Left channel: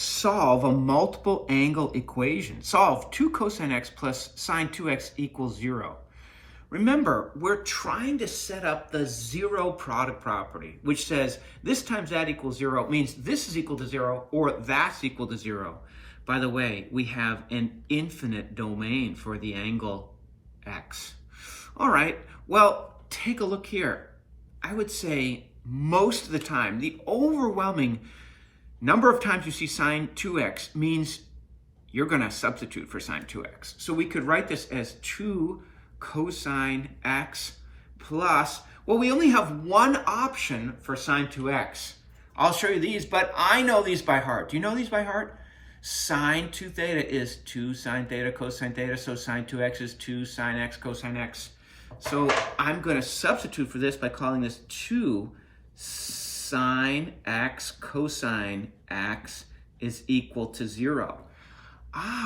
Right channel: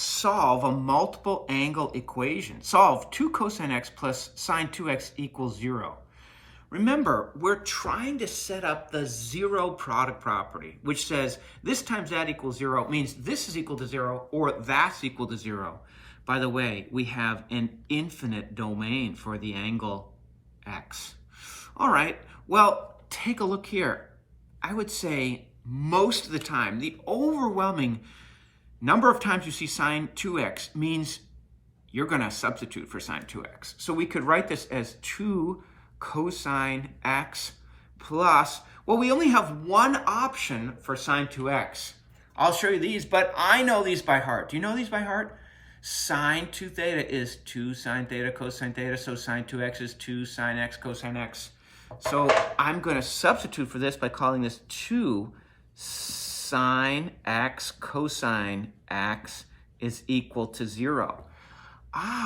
solve a multiple angle equation. Solve 2 cosine x plus sine 2x equals 0. Remember, we're trying to set up the zero product property, which says this times that equals 0 means this is equal to 0 or that's equal to 0. By the way, we have an infinite domain for the angle x. All right, well, take a look here. I would say most of the time, the overwhelming number of times you see sine 2x means you're going to substitute for sine 2x. So we could write this as 2 cosine x plus, well, we only have one option for sine 2x. I'll show you these, but I know these by heart. Do you know these by heart? Sine 2 theta is 2 sine theta cosine theta, so sine 2x is 2 sine x cosine x. So I'm going to substitute for this by calling this 2 sine x cosine x is equal to 0.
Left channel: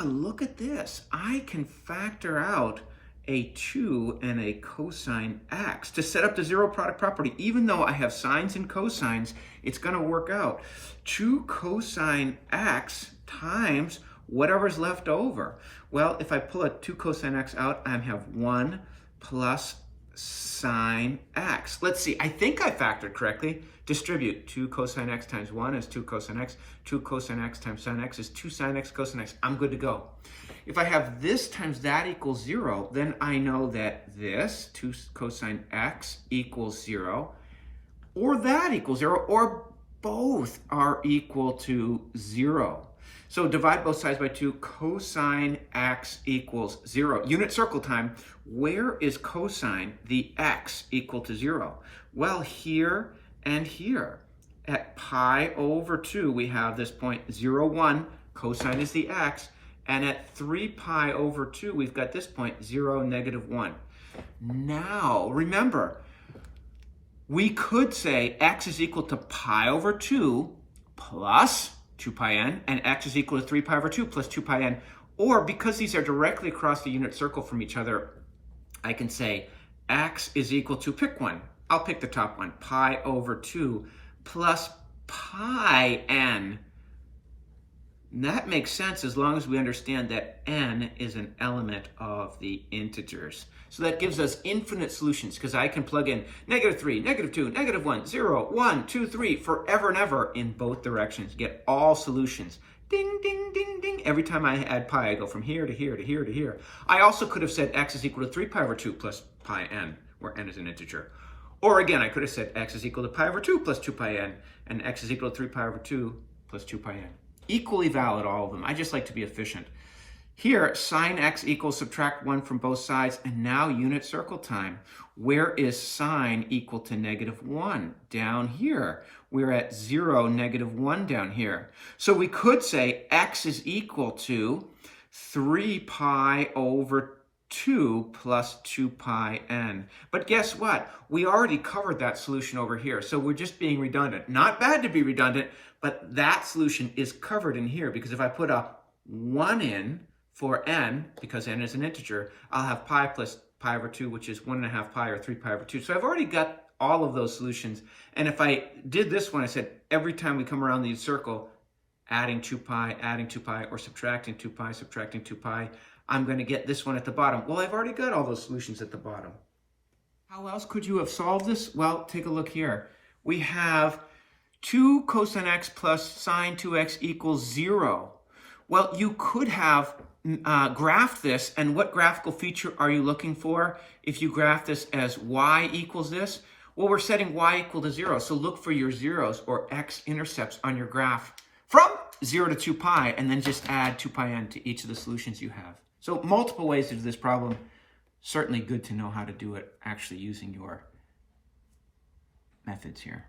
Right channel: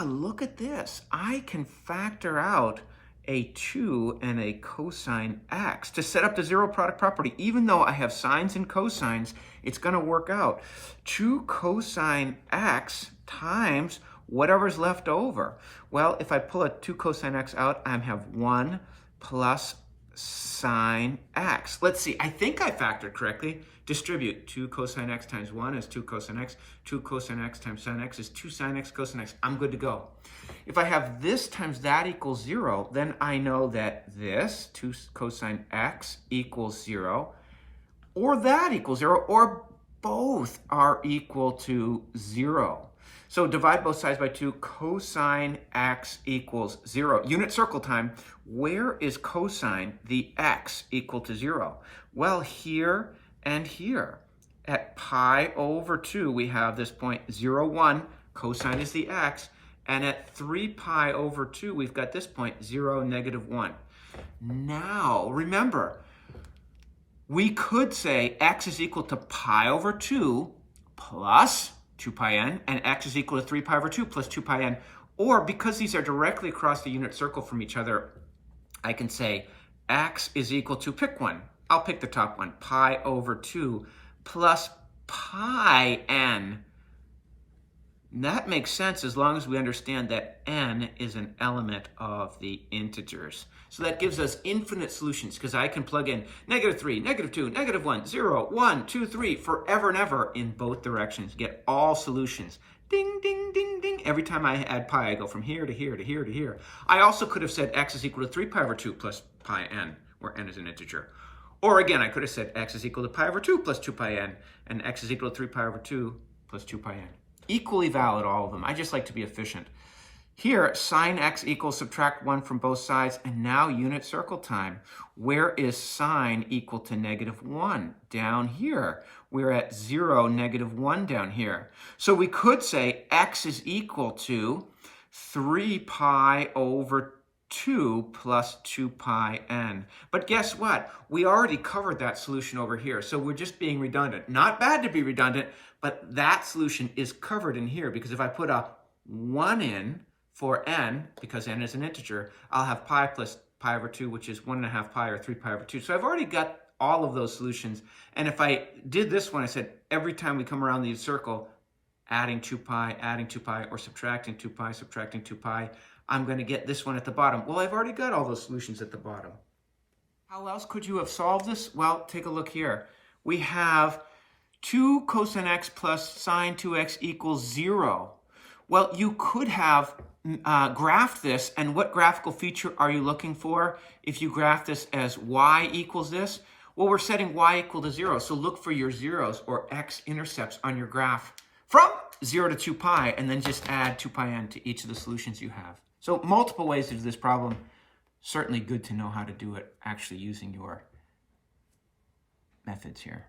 Look at this. I can factor out a 2 and a cosine x to set up the zero product property. Even though I have sines and cosines, it's going to work out. 2 cosine x times whatever's left over. Well, if I pull a 2 cosine x out, I have 1 plus sine x. Let's see, I think I factored correctly. Distribute 2 cosine x times 1 is 2 cosine x. 2 cosine x times sine x is 2 sine x cosine x. I'm good to go. If I have this times that equals 0, then I know that this, 2 cosine x, equals 0, or that equals 0, or both are equal to 0. So divide both sides by 2, cosine x equals 0. Unit circle time, where is cosine the x equal to 0? Well, here and here. At pi over 2, we have this point 0, 1, cosine is the x, and at 3 pi over 2, we've got this point 0, negative 1. Now, remember, we could say x is equal to pi over 2 plus 2 pi n, and x is equal to 3 pi over 2 plus 2 pi n. Or because these are directly across the unit circle from each other, I can say x is equal to, pick one. I'll pick the top one, pi over 2 plus pi n. That makes sense as long as we understand that n is an element of the integers. So that gives us infinite solutions because I can plug in negative 3, negative 2, negative 1, 0, 1, 2, 3, forever and ever in both directions. Get all solutions. Ding, ding, ding, ding. Every time I add pi, I go from here to here to here to here. I also could have said x is equal to 3 pi over 2 plus pi n, where n is an integer. Or again, I could have said x is equal to pi over 2 plus 2 pi n, and x is equal to 3 pi over 2 plus 2 pi n. Equally valid, all of them. I just like to be efficient. Here, sine x equals subtract 1 from both sides, and now unit circle time. Where is sine equal to negative 1? Down here. We're at 0, negative 1 down here. So we could say x is equal to 3 pi over 2 plus 2 pi n. But guess what? We already covered that solution over here, so we're just being redundant. Not bad to be redundant, but that solution is covered in here because if I put a 1 in for n, because n is an integer, I'll have pi plus pi over 2, which is 1.5 pi or 3 pi over 2. So I've already got all of those solutions. And if I did this one, I said every time we come around the circle, adding 2 pi, or subtracting 2 pi, subtracting 2 pi, I'm going to get this one at the bottom. Well, I've already got all those solutions at the bottom. How else could you have solved this? Well, take a look here. We have 2 cosine x plus sine 2x equals 0. Well, you could have graphed this, and what graphical feature are you looking for if you graph this as y equals this? Well, we're setting y equal to 0, so look for your zeros or x-intercepts on your graph from 0 to 2 pi, and then just add 2 pi n to each of the solutions you have. So multiple ways to do this problem. Certainly good to know how to do it actually using your methods here.